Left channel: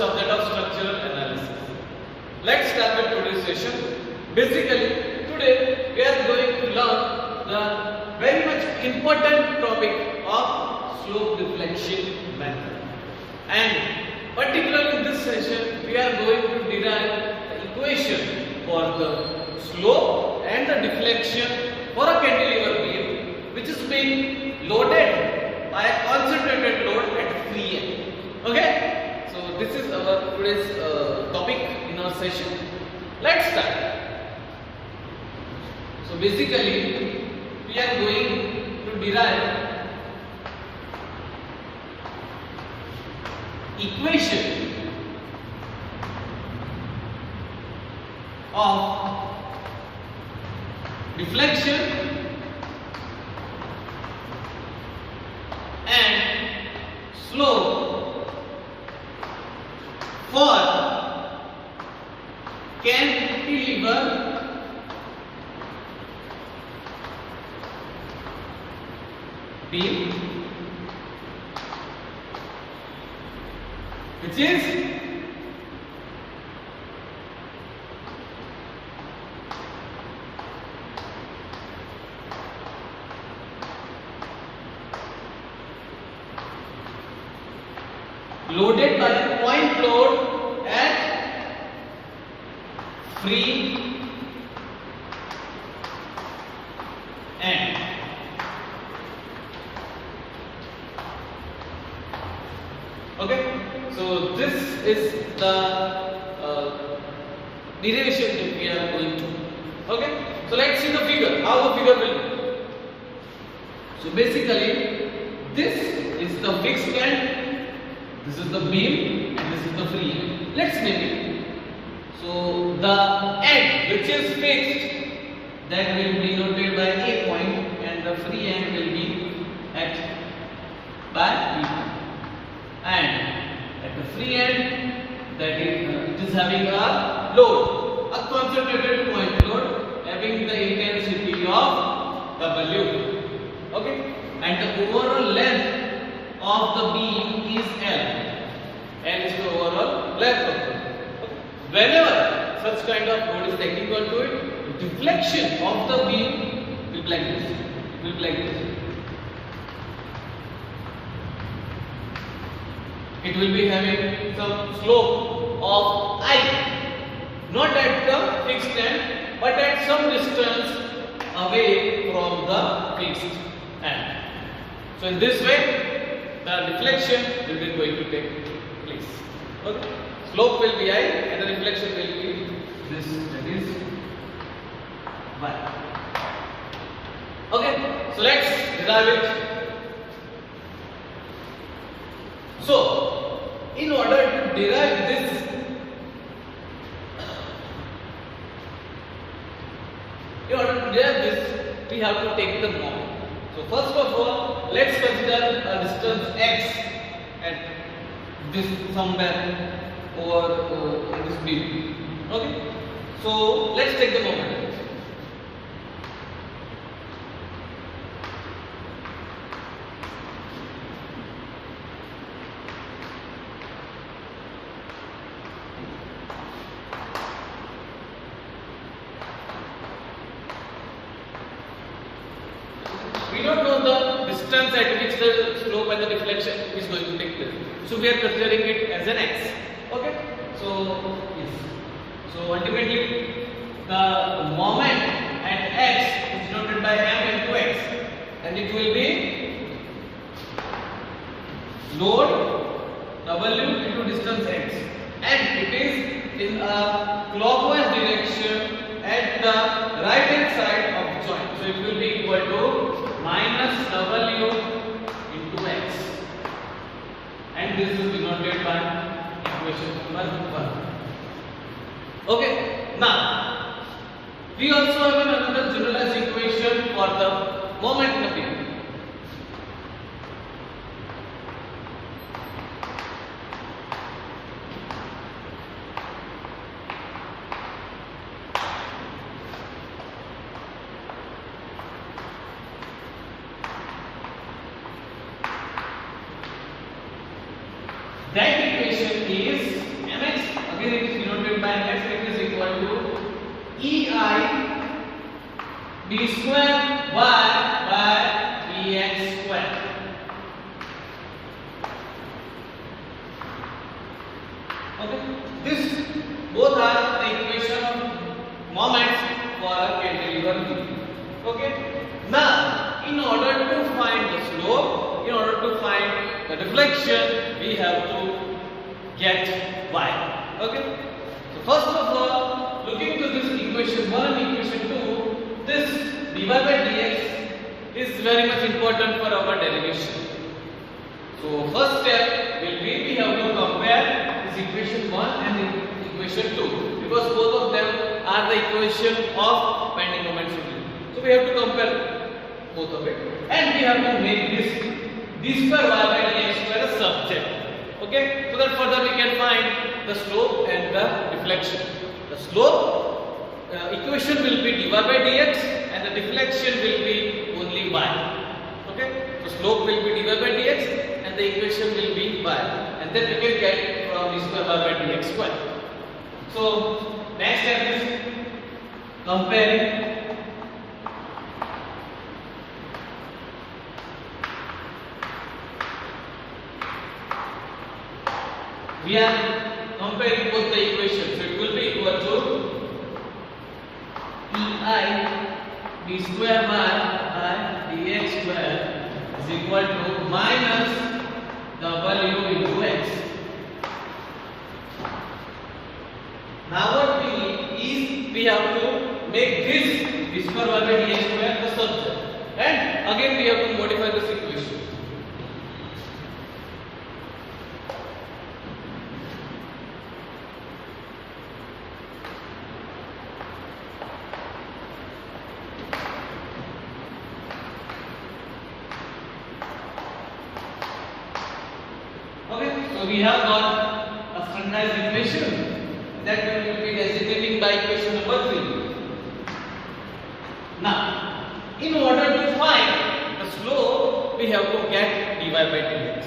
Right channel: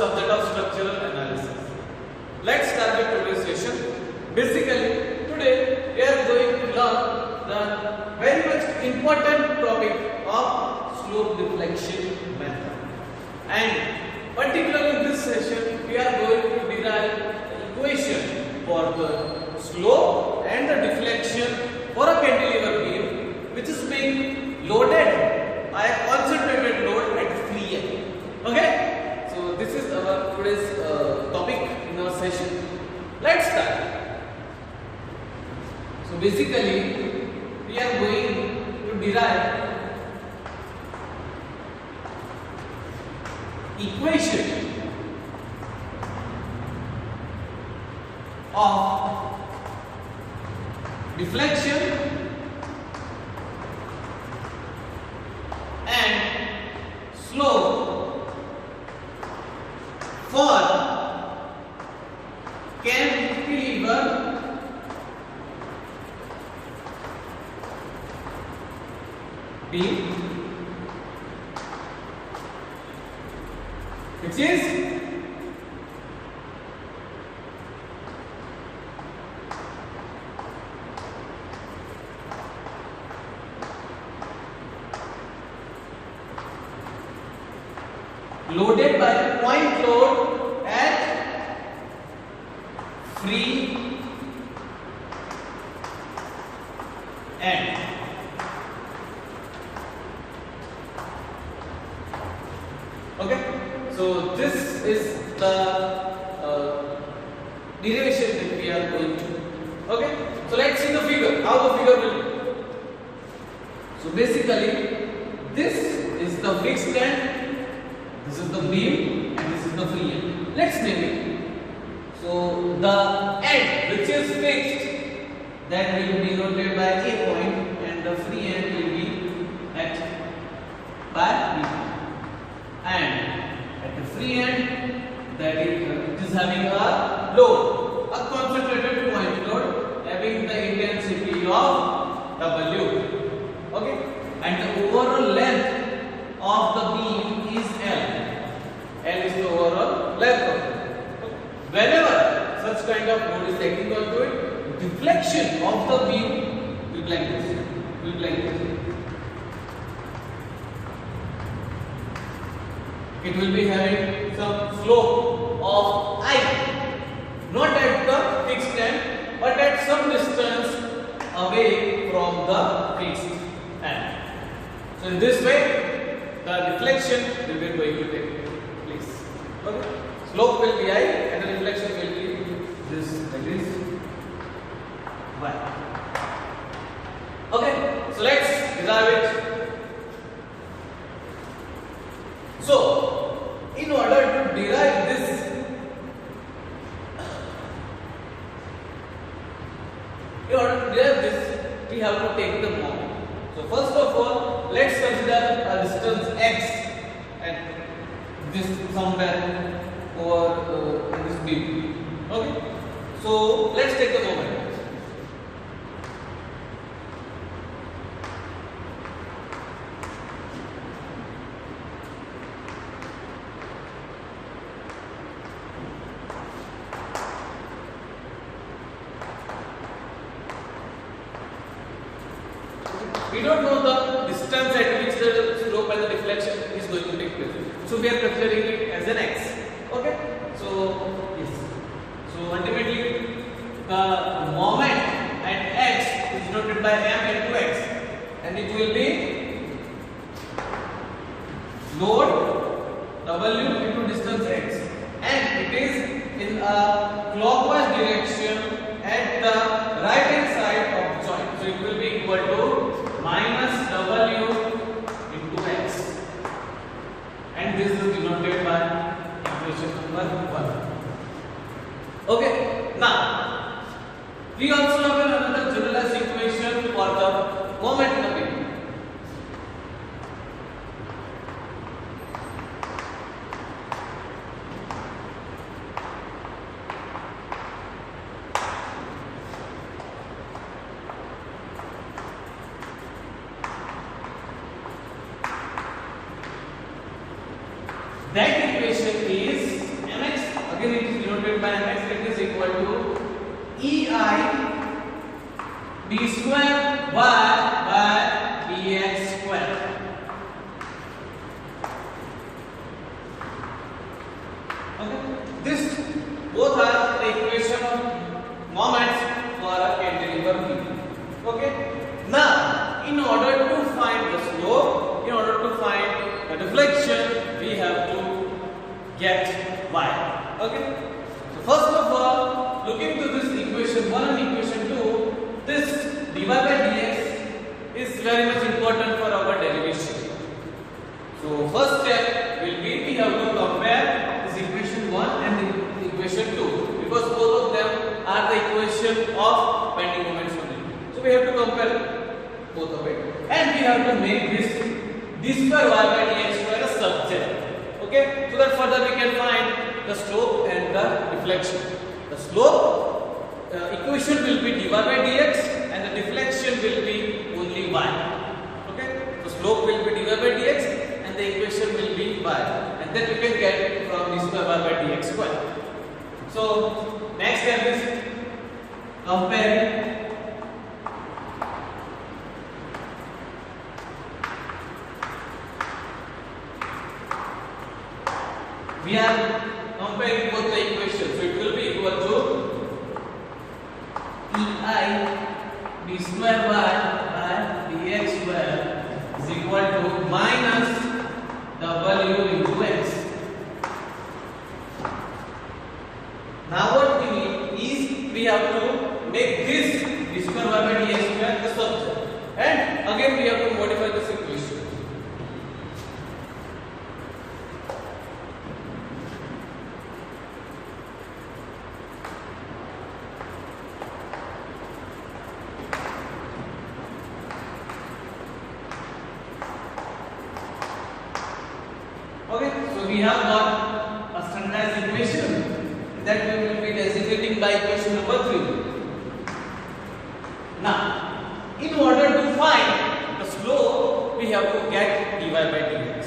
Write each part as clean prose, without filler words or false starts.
subject of structural analysis. Let's start with today's session. Basically, today we are going to learn the very much important topic of slope deflection method. And particularly in this session, we are going to derive the equation for the slope and the deflection for a cantilever beam which is being loaded by a concentrated load at free end. Okay, so this is our today's topic in our session. Let's start. So basically we are going to derive equation of deflection and slope for cantilever beam, which is loaded by a point load at free end. Okay, so this is the derivation that we are going to. Okay, so let's see the figure, how the figure will be. So basically this is the fixed end, this is the beam, and this is the free end. Let's name it. So the end which is fixed, that will be denoted by A point, and the free end will be at by B point. And at the free end, that is it is having a load, a concentrated point load having the intensity of W. Okay, and the overall length of the beam is L. L is the overall length of the beam. Whenever such kind of load is taken onto it, deflection of the beam will be like this. Will be like this. It will be having some slope of I, not at the fixed end, but at some distance away from the fixed end. So in this way, the deflection will be going to take place. Okay? Slope will be I and the deflection will be this, that is Y. Okay, so let's derive it. So, in order to derive this, we have to take the moment. So first of all, let's consider a distance x at this somewhere over in this beam. Okay, so let's take the moment. We don't know the distance at which the slope and the deflection is going to take place. So we are considering it as an x. Okay. So yes. So ultimately the moment at x is denoted by m into x, and it will be load W into distance x, and it is in a clockwise direction at the right hand side of the joint. So it will be equal to minus W into x, and this is denoted by equation number 1. Okay, now we also have another generalized equation for the moment in the beam. That equation is find x that is equal to EI d square y by dx square. Okay, this both are the equation of moments for a cantilever beam. Okay, now in order to find the slope, in order to find the deflection, we have to get y. Okay, so first of all, looking to this equation 1 and equation 2, this dy by dx is very much important for our derivation. So first step will be we have to compare this equation 1 and equation 2, because both of them are the equation of bending moments only. So we have to compare both of it, and we have to make this d square y by dx square a subset. Okay, so that further we can find the slope and the deflection. The slope equation will be dy by dx and the deflection will be only y. Okay, so slope will be dy by dx and the equation will be y, and then we can get from d square y by dx square. So next step is comparing we are comparing both the equations. So it will be equal to EI d square y by dx square is equal to minus w into x. Now what we need is we have to make this d square y by dx square the subject, and again we have to modify this equation. Okay, so we have got a standardized equation that we will be designating by equation number 3. Now, in order to find the slope, we have to get dy by dx,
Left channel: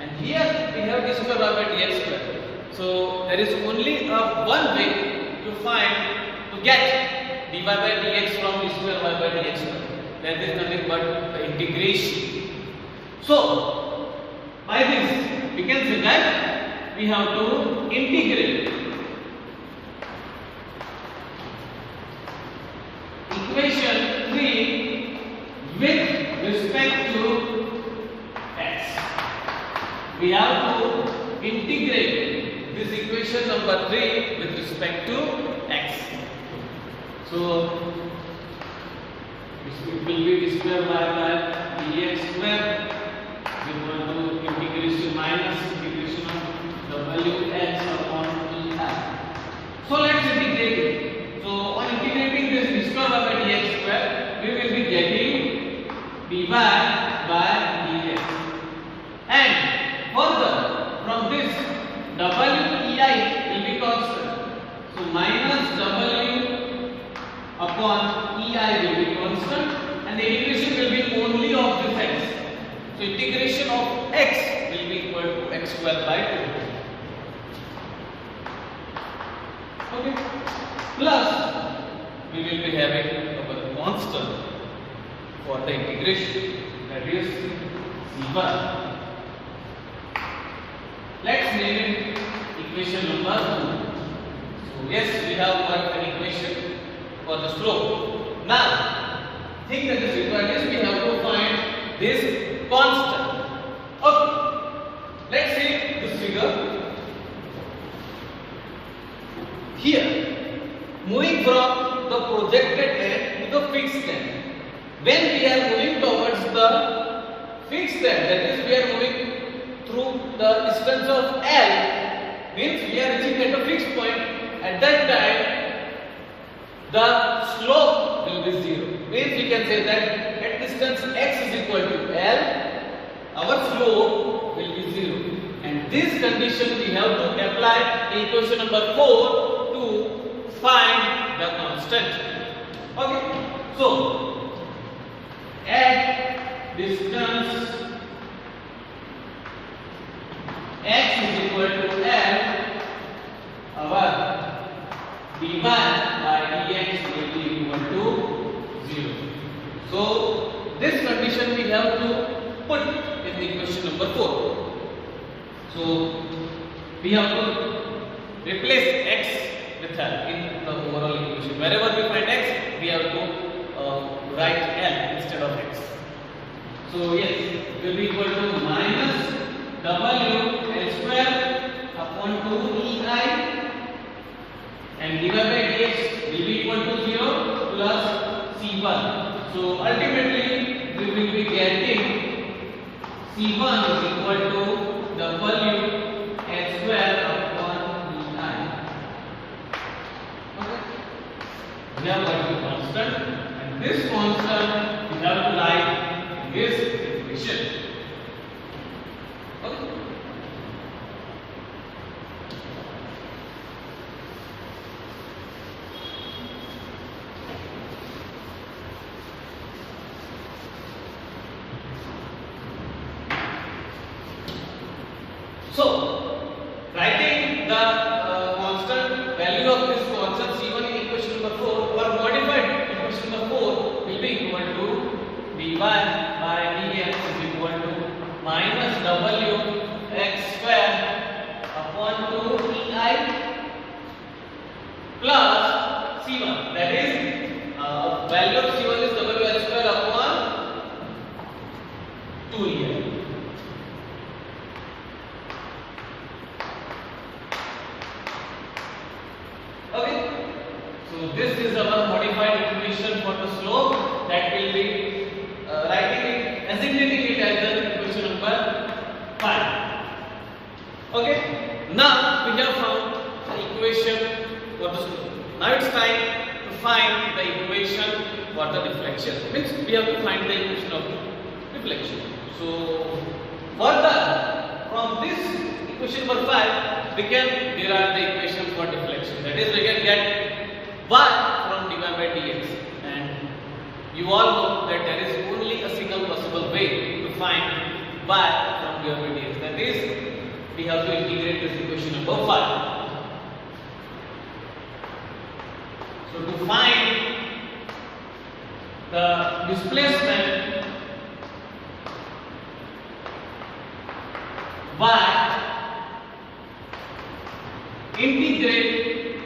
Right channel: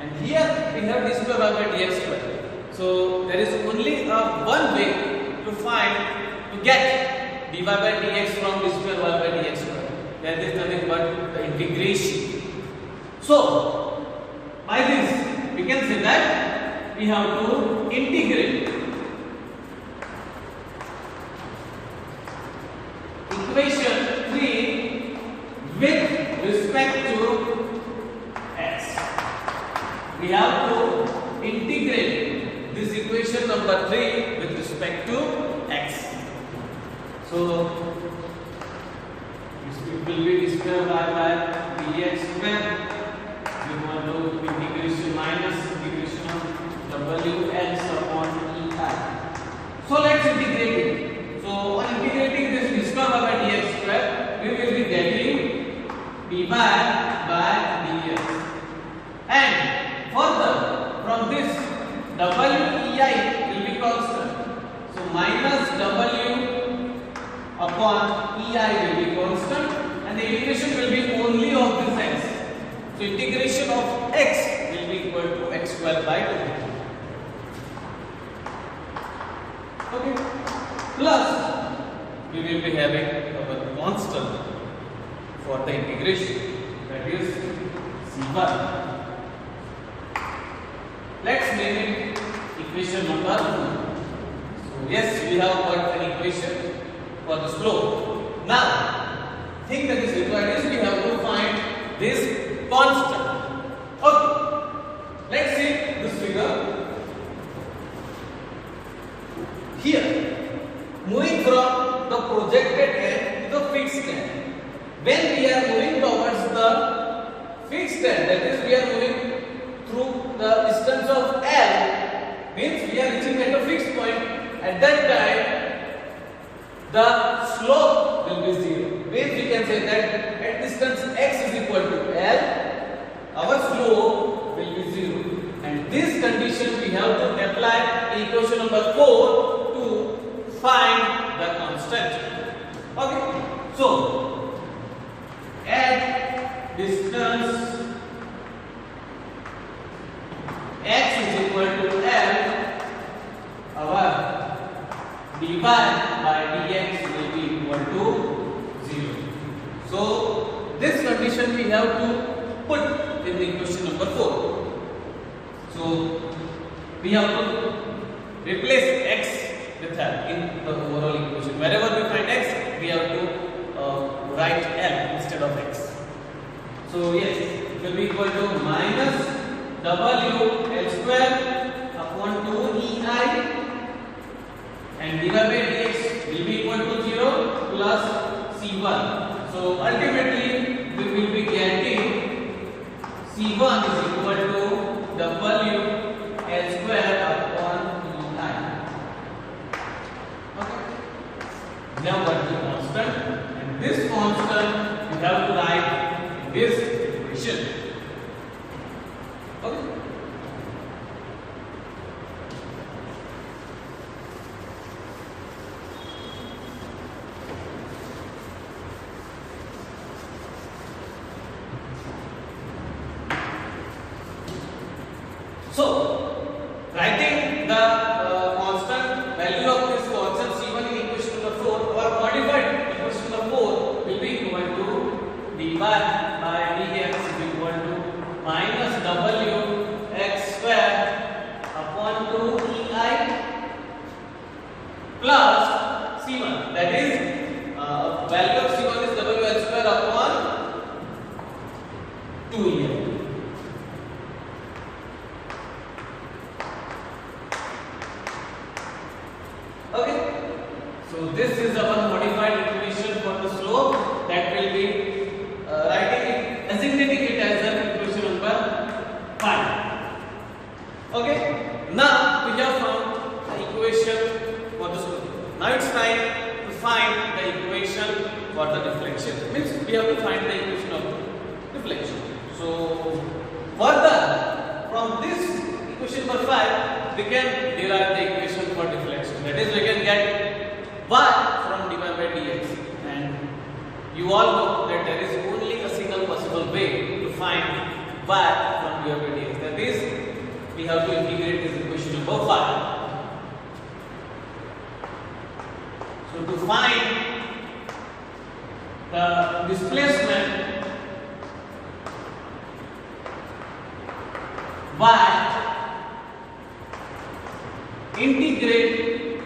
and here we have d square y by dx square. So there is only one way to get dy by dx from d square y by dx square. That is nothing but the integration. So by this we can say that we have to integrate equation 3 with respect to x. We have to integrate this equation number 3 with respect to x. So it will be d square y by dx square. We want to integration minus integration of wx upon ei. So let's integrate it. So on integrating this d square y by dx square, we will be getting dy by dx, and further from this wei will be constant. So minus w upon ei will be constant, and the integration will be only of this x. So integration of x will be equal to x square by 2. Okay. Plus we will be having our constant for the integration, that is c1. Let's name it equation number 2. So yes, we have got an equation for the slope. Now thing that is required is we have to find this constant. Okay, let's see this figure. Here, moving from the projected end to the fixed end. When we are moving towards the fixed end, that is we are moving through the distance of L, means we are reaching at a fixed point. At that time, the slope will be 0. Means we can say that at distance x is equal to L, our slope will be 0. And this condition we have to apply in equation number 4 to find the constant. Okay. So at distance x is equal to L, our dy by dx will be equal to 0. So this condition we have to put in the equation number 4. So we have to replace x with L in the overall equation. Wherever we find x, we have to write L instead of x. So yes, it will be equal to minus w L square upon 2ei and dy by dx will be equal to 0 plus c1. So ultimately we will be getting c1 is equal to w L square upon ei. Okay. We have got the constant, and this constant we have to write in this equation. Okay. So, writing the constant value of this constant c1 in equation number 4 or modified equation number 4 will be equal to dy by dx is equal to minus w x square upon 2ei plus c1, that is value of c1 is wl square upon 2ei. Okay, so this is our modified equation for the slope that will be designating it as an equation number 5. Okay, now we have found the equation for the slope. Now it's time to find the equation for the deflection. Means we have to find the equation of deflection. So further from this equation number 5, we can derive the equation for deflection. That is, we can get y from dy by dx, and you all know that there is only a single possible way to find y from dy by dx. That is, we have to integrate this equation number 5. So to find the displacement y, integrate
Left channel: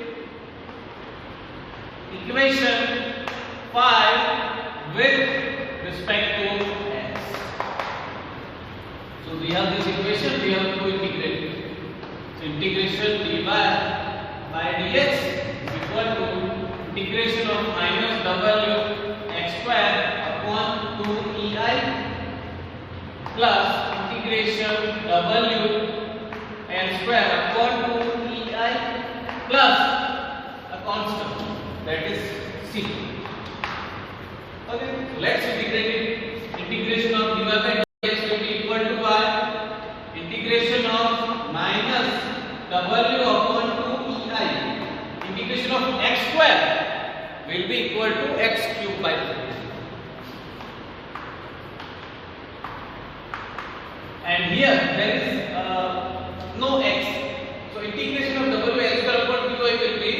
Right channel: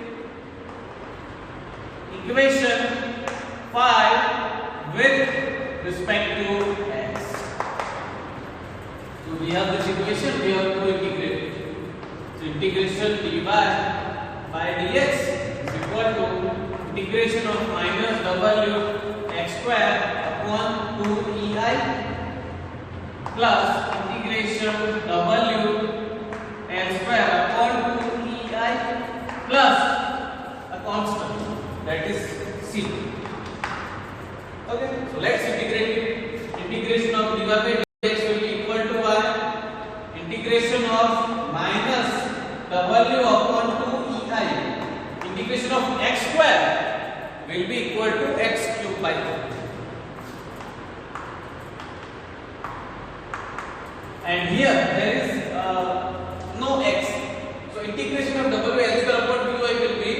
equation 5 with respect to x. So we have this equation, we have to integrate. So integration dy by dx is equal to integration of minus w x square upon 2ei plus integration w L square upon 2ei plus a constant, that is c. Okay, so let's integrate it. Integration of dy by dx will be equal to y integration of minus w upon 2ei integration of x square will be equal to x cube by 3. And here there is no x. So integration of w L square upon 2i will be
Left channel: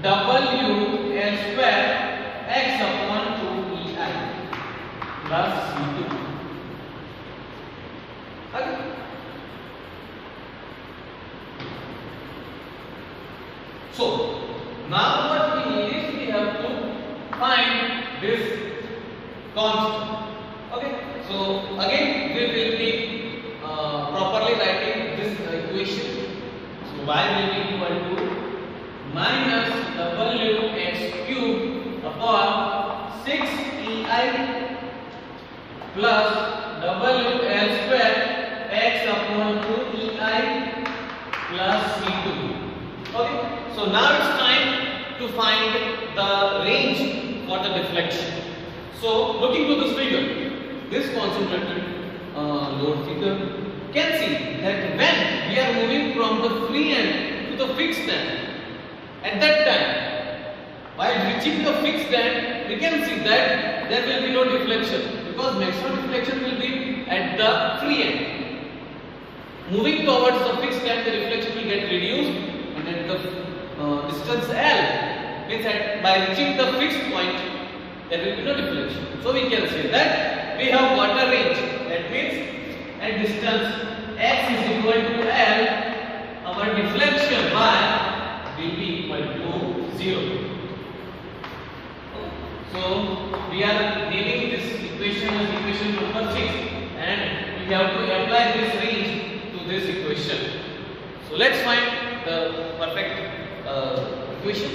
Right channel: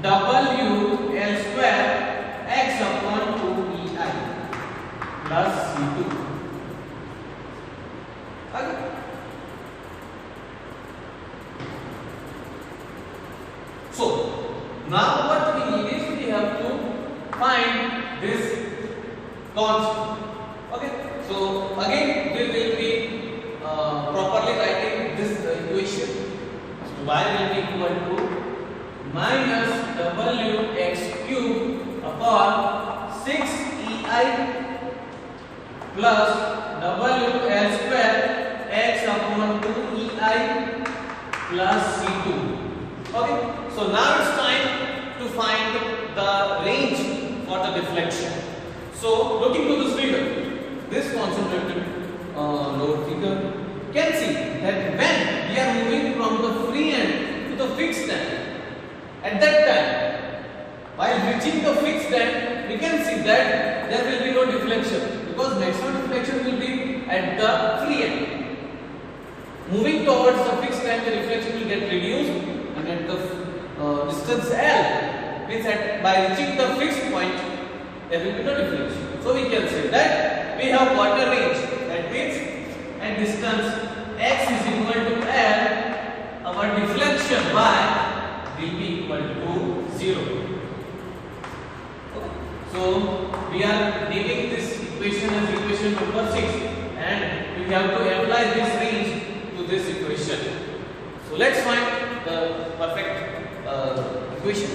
w L square x upon 2ei plus c2. Okay. So now what we need is we have to find this constant. Okay. So again we will be properly writing this equation. So y will be equal to minus w x cube upon 6ei plus w L square x upon 2ei plus c2. Okay. So now it's time to find the range for the deflection. So looking to this figure, this concentrated load figure, can see that when we are moving from the free end to the fixed end, at that time, while reaching the fixed end, we can see that there will be no deflection because maximum deflection will be at the free end. Moving towards the fixed end, the deflection will get reduced, and at the distance L, means that by reaching the fixed point there will be no deflection. So we can say that we have got a range. That means at distance x is equal to L, our deflection y will be equal to 0. So we are naming this equation as equation number 6, and we have to apply this range to this equation. So let's find the perfect equation.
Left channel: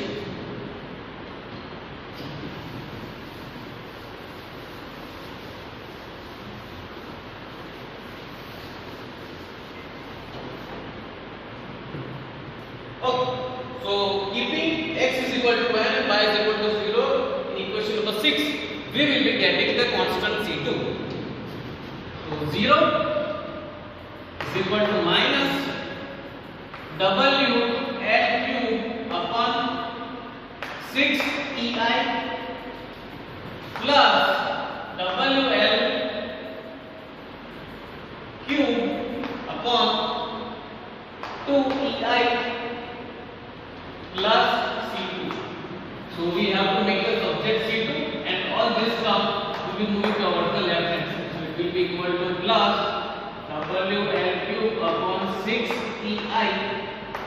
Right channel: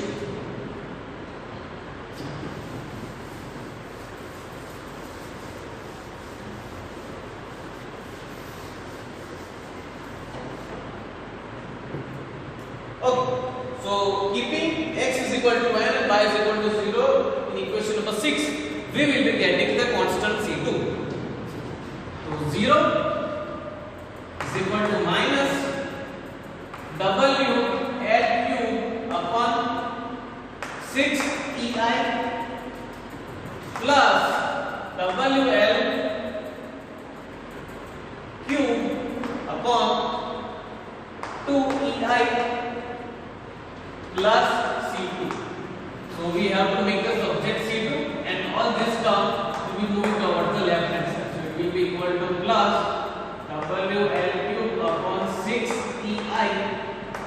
Okay, so keeping x is equal to n and y is equal to 0 in equation number 6, we will be getting the constant C2. So 0 is equal to minus W L cube upon 6EI plus WL cube upon 2EI plus C2. So we have to make a subject C2, and all this term will be moving towards the left hand side. So it will be equal to plus WL cube upon 6EI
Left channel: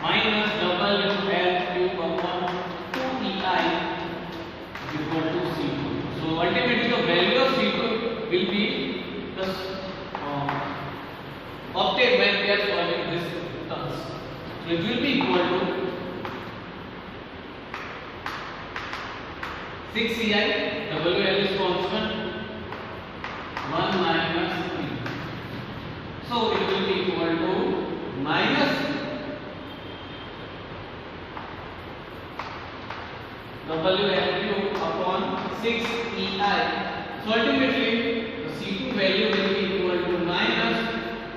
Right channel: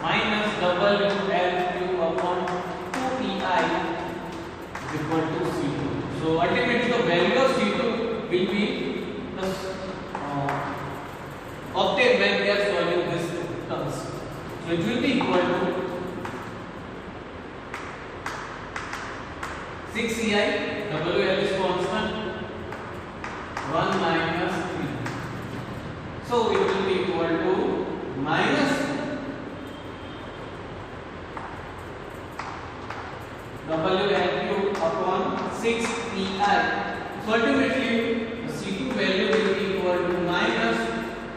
minus WL cube upon 2EI is equal to C2. So ultimately the value of C2 will be obtained when we are solving this terms. So it will be equal to 6EI, WL is constant, 1 minus E. So it will be equal to minus WL cube upon 6EI. So ultimately the C2 value will be equal to minus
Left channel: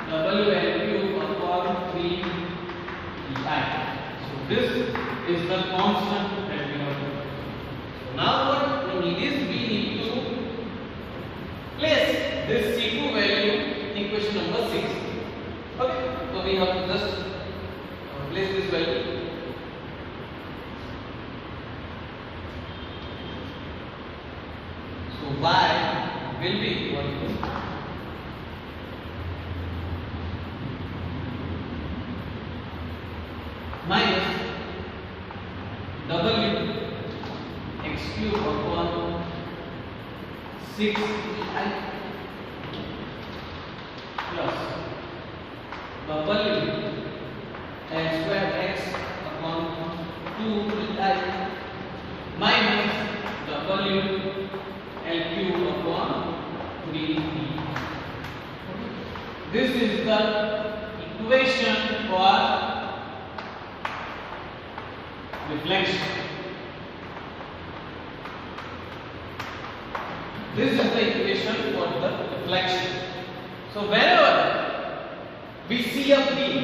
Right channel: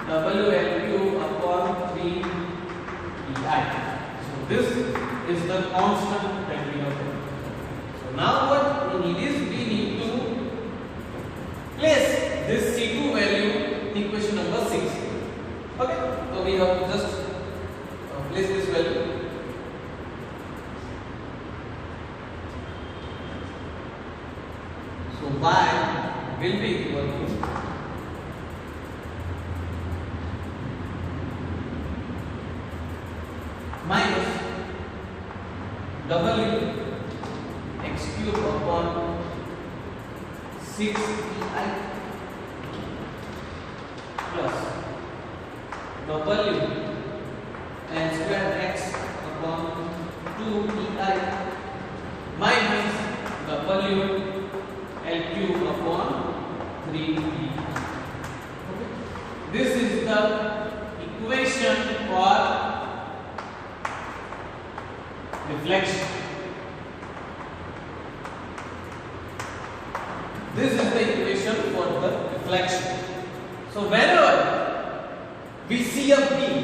WL cube upon 3EI. So this is the constant that we have to. Now what we need is we need to place this C2 value in equation number 6. Okay, so we have to just place this value. So y will be equal to minus W x cube upon 6EI plus W n square x upon 2EI minus W L cube upon 3EI. This is the equation for deflection. This is the equation for the deflection. So whenever we see a beam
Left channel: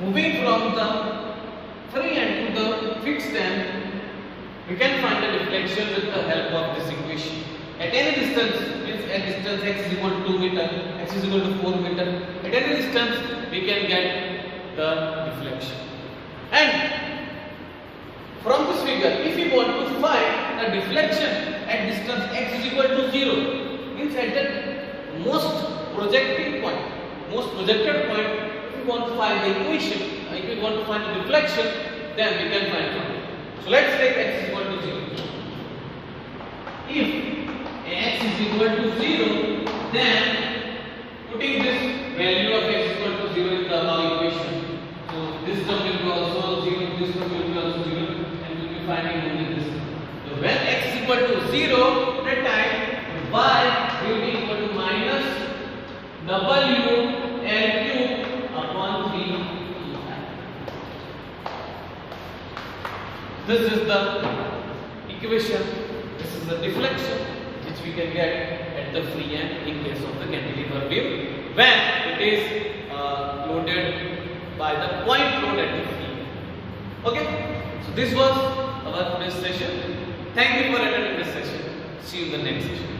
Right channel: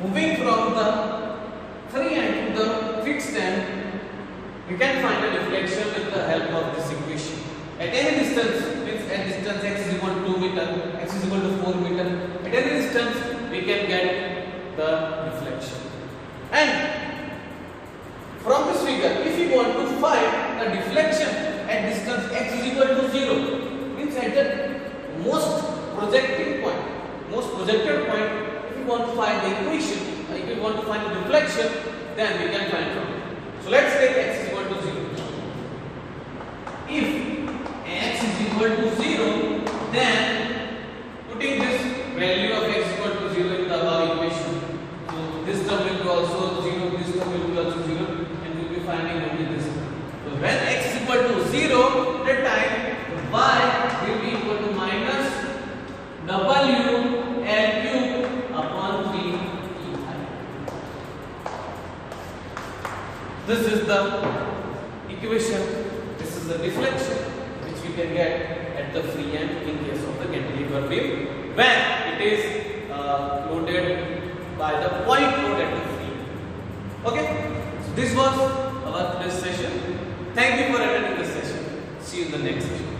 moving from the free end to the fixed end, we can find the deflection with the help of this equation. At any distance, means at distance x is equal to 2 meter, x is equal to 4 meter, at any distance we can get the deflection. And from this figure, if we want to find the deflection at distance x is equal to 0, means at the most projected point, if we want to find the equation, if we want to find the deflection, then we can find from it. So let's take x is equal to 0. If x is equal to 0, then putting this value of x is equal to 0 in the above equation, so this term will be also 0, this term will be also 0, and we will be finding only this term. So when x is equal to 0, that time y will be equal to minus W L cube upon 3EI. This is the equation. This is the deflection which we can get at the free end in case of the cantilever beam when it is loaded by the point load at the free end. Okay, so this was our today's session. Thank you for attending this session. See you in the next session.